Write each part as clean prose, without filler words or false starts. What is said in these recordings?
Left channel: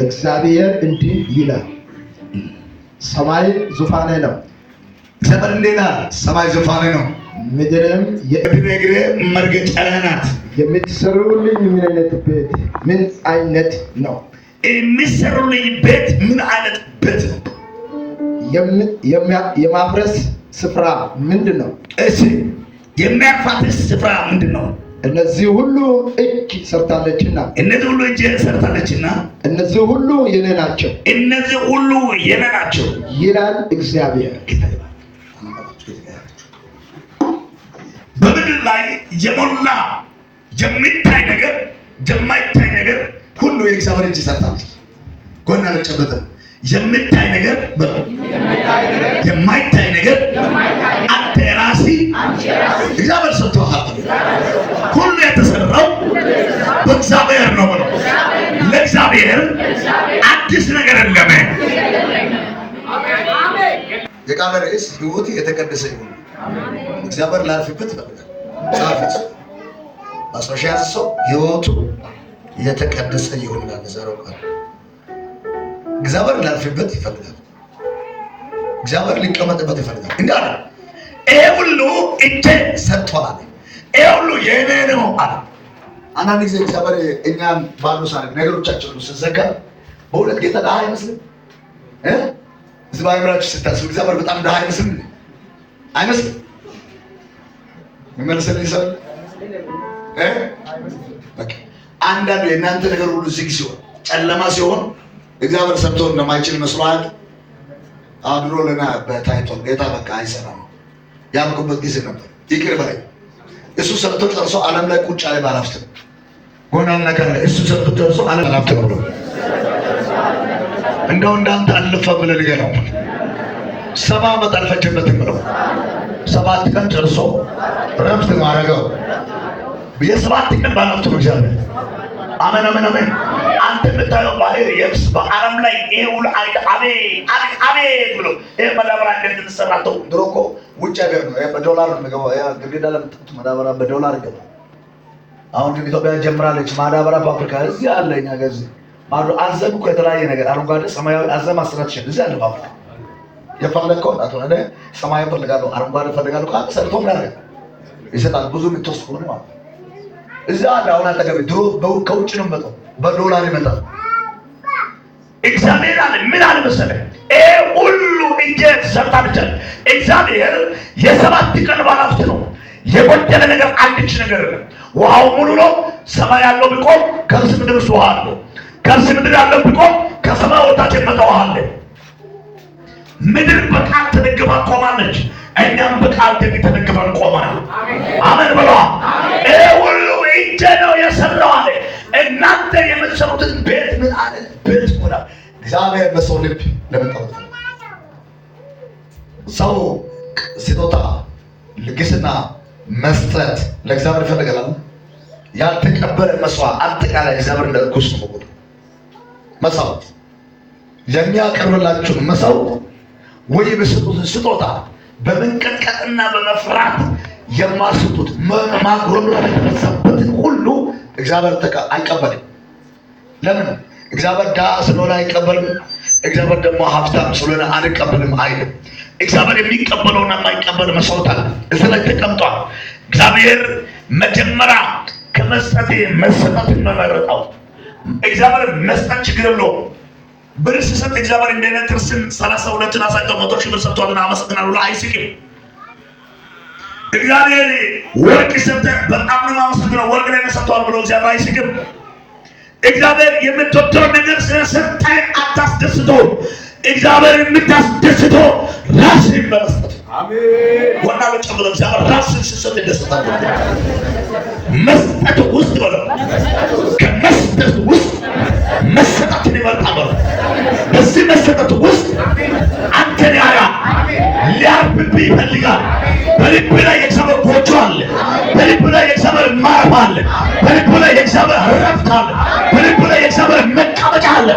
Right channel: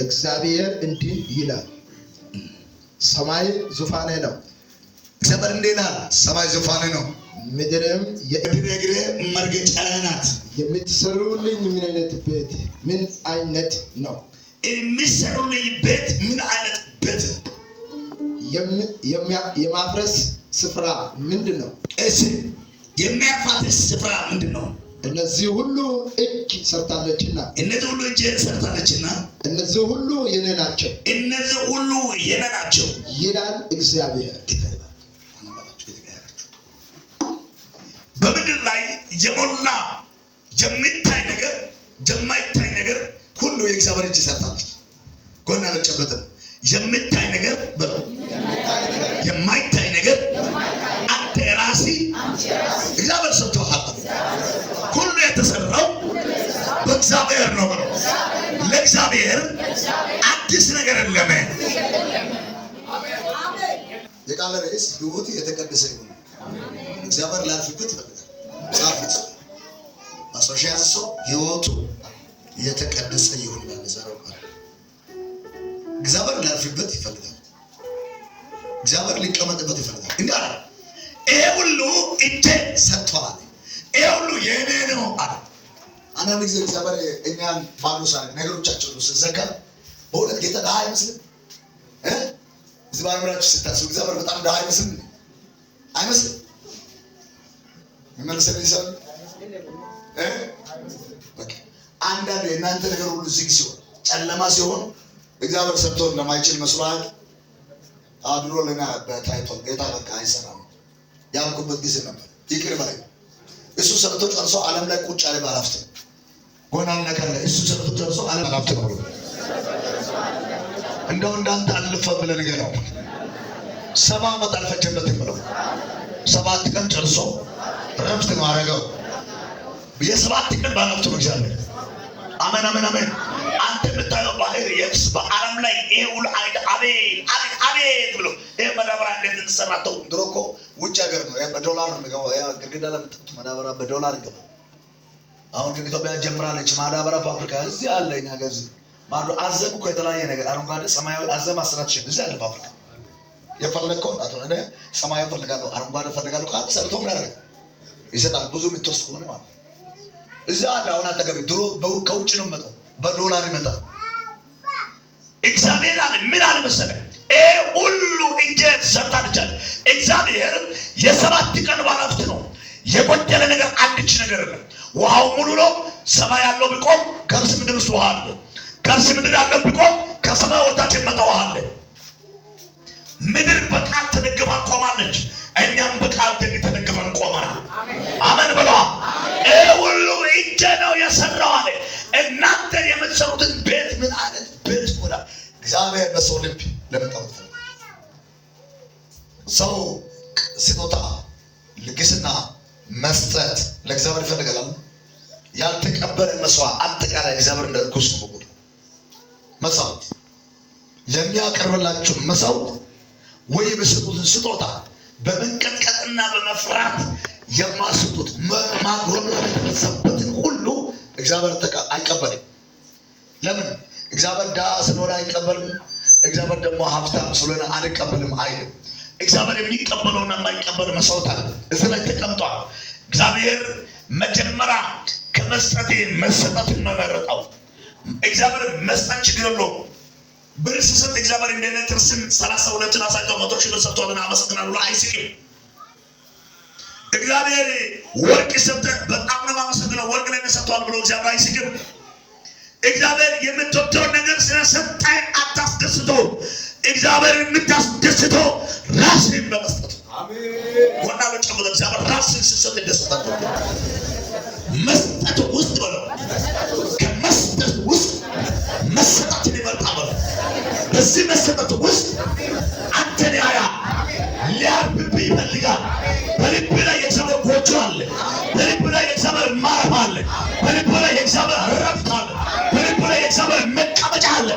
እግዚአብሔር እንዲህ ይላል፣ ሰማይ ዙፋኔ ነው። እግዚአብሔር እንዴና ሰማይ ዙፋኔ ነው፣ ምድርም የእግሬ መርገጫ ናት። የምትሰሩልኝ ምን አይነት ነው? የሚሰሩልኝ ቤት ምን አይነት ቤት ነው? የማፍረስ ስፍራ ምንድን ነው? እሺ የሚያፋፍስ ስፍራ ምንድን ነው? እነዚህ ሁሉ እጅ ሰርታለችና እነዚህ ሁሉ የኔ ናቸው ይላል እግዚአብሔር። በምድር ላይ የሞላ የሚታይ ነገር የማይታይ ነገር ሁሉ የእግዚአብሔር እጅ ሰርታለች። ጎና ለጨበጠ የሚታይ ነገር የማይታይ ነገር አንተ ራሲ እግዚአብሔር ሰጥቶሃል። ሁሉ የተሰራው በእግዚአብሔር ነው ብሎ ለእግዚአብሔር አዲስ ነገር የለም። የቃል ርዕስ ሕይወት የተቀደሰ ይሁን። እግዚአብሔር ላልፍበት ይፈልጋል። ጻፉት ማስረሻ ሰው ሕይወቱ የተቀደሰ ይሁን ማለት ነው። እግዚአብሔር ላልፍበት ይፈልጋል። እግዚአብሔር ሊቀመጥበት ይፈልጋል። እንዳለ ይሄ ሁሉ እጄ ሰጥቷል፣ ይሄ ሁሉ የኔ ነው አለ። አንዳንድ ጊዜ እግዚአብሔር እኛን ባዶ ሳይሆን ነገሮቻችን ሁሉ ሲዘጋ በእውነት ጌታ ድሃ አይመስልም? እዚህ ባይምራችሁ ስታስቡ እግዚአብሔር በጣም ድሃ አይመስልም? አይመስልም? የሚመልስልኝ ሰው አንዳንዱ የእናንተ ነገር ሁሉ ዝግ ሲሆን ጨለማ ሲሆን እግዚአብሔር ሰጥቶ እንደማይችል መስሏት አድሮ ለና በታይቶን ጌታ በቃ አይሰራም ያልኩበት ጊዜ ነበር። ይቅር በለኝ። እሱ ሰጥቶ ጨርሶ ዓለም ላይ ቁጭ ያለ ባላፍት ጎናል ነገር እሱ ሰጥቶ ጨርሶ ዓለም ባላፍት ነው። እንደው እንዳንተ አልፈ ብለህ ንገረው። 70 ዓመት አልፈጀበትም ብለው 7 ቀን ጨርሶ ረፍት ማረገው። የ7 ቀን ባላፍት ነው እግዚአብሔር። አሜን አሜን አሜን። አንተ የምታየው ባህር የብስ በአረም ላይ ይሄ ሁሉ አቤት ብሎ ይሄ ማዳበሪያ እንዴት ተሰራተው? ድሮ እኮ ውጭ ሀገር ነው በዶላር ነው የሚገባው። ያ ግድግዳ ለምትጥቱ ማዳበሪያ በዶላር ይገባል። አሁን ግን ኢትዮጵያ ጀምራለች ማዳበሪያ ፋብሪካ እዚህ አለ። እኛ ጋር እዚህ አዘም እኮ የተለያየ ነገር አረንጓዴ፣ ሰማያዊ አዘም አስራትሽን እዚህ አለ ፋብሪካ። የፈለግከውን አትሆነ እኔ ሰማያዊ ፈልጋለሁ አረንጓዴ ፈልጋለሁ ካለ ሰርቶ ምን ያደርጋል? ይሰጣል። ብዙ የምትወስድ ከሆነ ማለት እዛ አለ። አሁን አጠገቤ ድሮ ከውጭ ነው መጣው በዶላር ይመጣል። እግዚአብሔር አለ ምን አለ መሰለህ? ሁሉ እንጀት ሰርታለች። እግዚአብሔር የ7 ቀን ባለሀብት ነው። የጎደለ ነገር አንድች ነገር የለም። ውሃው ሙሉ ነው። ሰማይ ያለው ቢቆም ከርስ ምድር ውስጥ ውሃ አለ። ከርስ ምድር ያለው ቢቆም ከሰማይ ወታች የመጣ ውሃ አለ። ምድር በቃል ተደግፋ ቆማለች። እኛም በቃል ተደግፈን ቆመናል። አሜን በለዋ። ሁሉ እጄ ነው የሰራው አለ። እናንተ የምትሰሩትን ቤት ምን አይነት ቤት ይሆናል? እግዚአብሔር በሰው ልብ ለመጣበት ሰው ስጦታ ልግስና መስጠት ለእግዚአብሔር ይፈልጋል። ያልተቀበለ መስዋዕት አጠቃላይ እግዚአብሔር እንደ ርኩስ ነው ማለት መስዋዕት የሚያቀርብላችሁን መስዋዕት ወይ በስጡት ስጦታ በመንቀጥቀጥና በመፍራት የማስጡት ማጉረምረም የተበዛበትን ሁሉ እግዚአብሔር አይቀበልም። ለምን? እግዚአብሔር ድሃ ስለሆነ አይቀበልም። እግዚአብሔር ደግሞ ሀብታም ስለሆነ አንቀበልም አይልም። እግዚአብሔር የሚቀበለውና የማይቀበል መስዋዕት አለ እዚህ ላይ ተቀምጧል። እግዚአብሔር መጀመሪያ ከመስጠት መሰጠትን መመረጠው። እግዚአብሔር መስጠት ችግር የለውም። ብር ሲሰጥ እግዚአብሔር እንደነ ትርስን 32 አሳይቶ 100 ሺህ ብር ሰጥቷልና አመሰግናለሁ አይስቅም። እግዚአብሔር ወርቅ ሰጠ በጣም ነው ማመሰግነው ወርቅ ላይ ሰጥቷል ብሎ እግዚአብሔር አይስቅም። እግዚአብሔር የምትወደው ነገር ስለሰጠህ አታስደስተው። እግዚአብሔር የምታስደስተው ራስህን በመስጠት አሜን። ወና ለጨምሮ እግዚአብሔር ራስህን ሲሰጥ ይደሰታል። መስጠት ውስጥ ነው። ከመስጠት ውስጥ መሰጠትን ይመርጣል። በዚህ መሰጠት ውስጥ አንተን ያያ ሊያርፍብህ ይፈልጋል። በልብ ላይ የእግዚአብሔር ጎጆ አለ። በልብ ላይ የእግዚአብሔር ማረፍ አለ። በልብ ላይ የእግዚአብሔር ረፍት አለ። በልብ ላይ የእግዚአብሔር መቀመጫ አለ።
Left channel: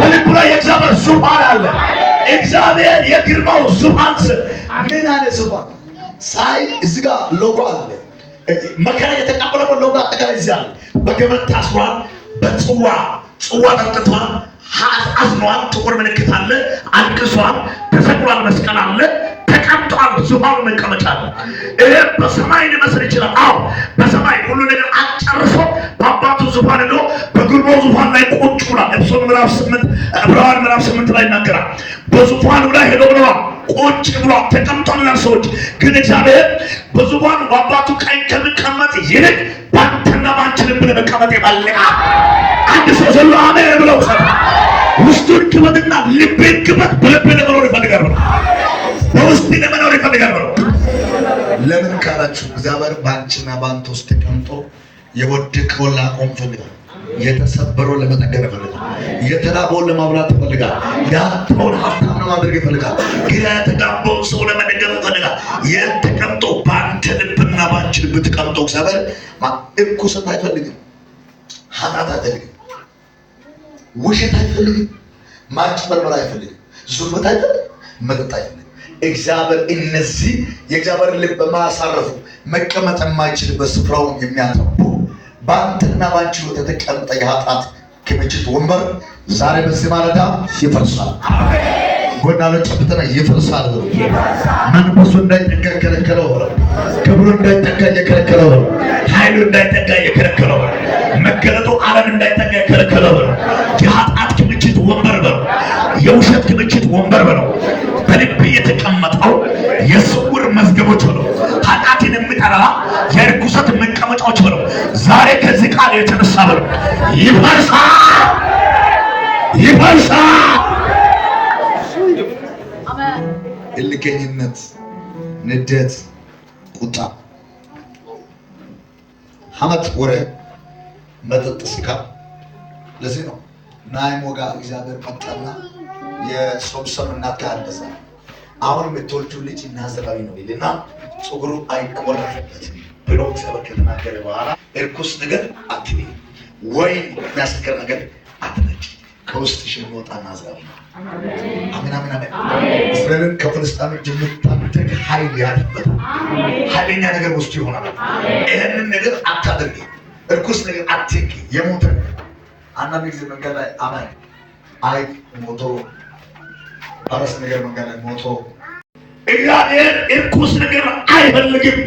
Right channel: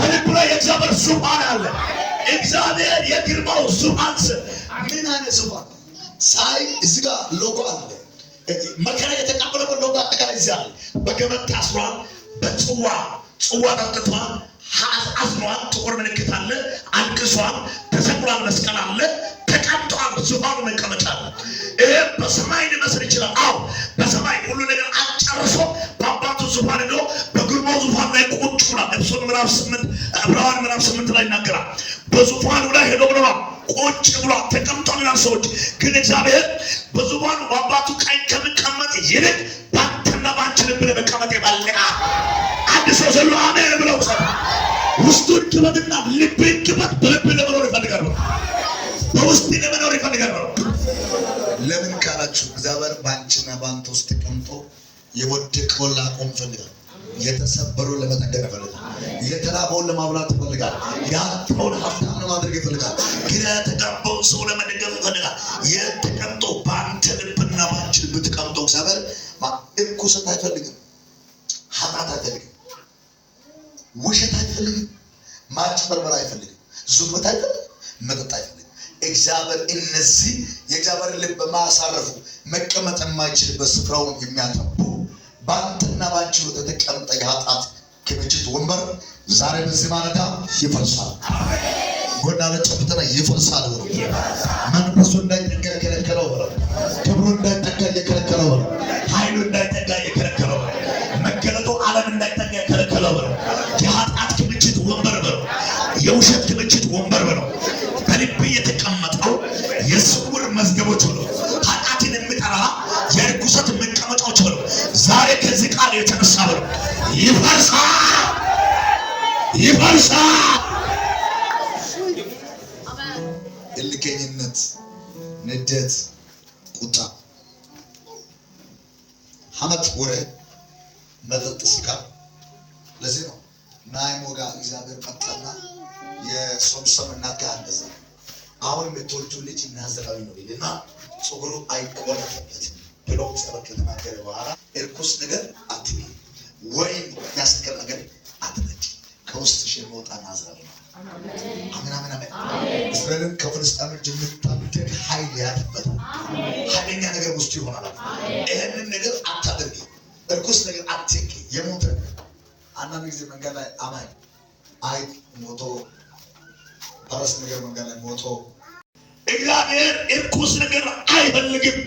በልብ ላይ የእግዚአብሔር ዙፋን አለ። እግዚአብሔር የግርማው ዙፋን ምን አለ? ዙፋን ሳይ እዚህ ጋር ሎጎ አለ። መከራ የተቀበለበት ሎጎ አጠቃላይ እዚህ አለ። በገመድ ታስሯል። በጽዋ ጠጥቷል። አዝኗል፣ ጥቁር ምልክት አለ፣ አልቅሷል፣ ተሰቅሏል፣ መስቀል አለ፣ ተቀምጧል፣ ዙፋኑ መቀመጫ አለ። ይሄ በሰማይ ሊመስል ይችላል። አዎ በሰማይ ሁሉ ነገር አጨርሶ በአባቱ ዙፋን ሄዶ በግርማው ዙፋን ላይ ቁጭ ብሏል። ኤፌሶን ምዕራፍ 8 ዕብራውያን ምዕራፍ 8 ላይ ይናገራል። በዙፋኑ ላይ ሄዶ ብሏል፣ ቁጭ ብሏል፣ ተቀምጧል። ሰዎች ግን እግዚአብሔር በዙፋኑ በአባቱ ቀኝ ከሚቀመጥ ይልቅ ባንተና ባንቺ ልብ ለመቀመጥ ይፈልጋል። አንድ ሰው ዘሎ አሜን ብለው ውስጡን ግበትና ልቤን ግበት። በልቤ ለመኖር ይፈልጋል፣ በውስጥ ለመኖር ይፈልጋል። ለምን ካላችሁ እግዚአብሔር ባንቺና ባንተ ውስጥ ተቀምጦ የወደቀውን ላቆም ይፈልጋል። የተሰበረውን ለመጠገን ይፈልጋል። የተራበውን ለማብላት ይፈልጋል። ያጣውን ሀብታም ለማድረግ ይፈልጋል። ግራ የተጋባውን ሰው ለመደገፍ ይፈልጋል። የተቀምጦ በአንተ ልብና በአንቺ ልብ ተቀምጦ እግዚአብሔር እርኩሰት አይፈልግም፣ ኃጢአት አይፈልግም፣ ውሸት አይፈልግም፣ ማጭበርበር አይፈልግም፣ ዙርበት አይፈልግም፣ መጠጥ አይፈልግም። እግዚአብሔር እነዚህ የእግዚአብሔር ልብ በማሳረፉ መቀመጥ የማይችልበት ስፍራውን የሚያጠቡ በአንተና ባንቺ የተቀመጠ የኃጢአት ክምችት ወንበር ዛሬ በዚህ ማለዳ ይፈርሳል። ጎና ለጨብጠና ይፈርሳል። መንፈሱ እንዳይጠጋ የከለከለው፣ ክብሩ እንዳይጠጋ የከለከለው፣ ኃይሉ እንዳይጠጋ የከለከለው፣ መገለጡ ዓለም እንዳይጠጋ የከለከለው የኃጢአት ክምችት ወንበር ነው። የውሸት ክምችት ወንበር ነው። በልብ የተቀመጠው የስውር መዝገቦች ነው። ኃጢአትን የሚጠራ የርኩሰት መቀመጫዎች ነው። ዛሬ ከዚህ ቃል የተነሳ ነው ይፈርሳል፣ ይፈርሳል። እልከኝነት፣ ንደት፣ ቁጣ፣ ሐመት፣ ወሬ፣ መጠጥ፣ ስካር። ለዚህ ነው ናይሞጋ እግዚአብሔር መጣና የሶምሶን እናት አለዛ አሁን የምትወልጂው ልጅ ናዝራዊ ነው ይልና ፀጉሩ አይቆረጥበትም ብሎ እግዚአብሔር ከተናገረ በኋላ እርኩስ ነገር አትቢ፣ ወይን የሚያስከር ነገር አትነጭ፣ ከውስጥሽ የሚወጣ ናዝራዊ ነው። አሜን፣ አሜን፣ አሜን። እስራኤልን ከፍልስጤሞች የምታደግ ኃይል ያለበት ኃይለኛ ነገር ውስጥ ይሆናል። ይህንን ነገር አታድርጊ፣ እርኩስ ነገር አትንኪ። የሞተ አንዳንድ ጊዜ መንገድ ላይ አማኝ አይ ሞቶ አረስ ነገር መንገድ ላይ ሞቶ እግዚአብሔር እርኩስ ነገር አይፈልግም።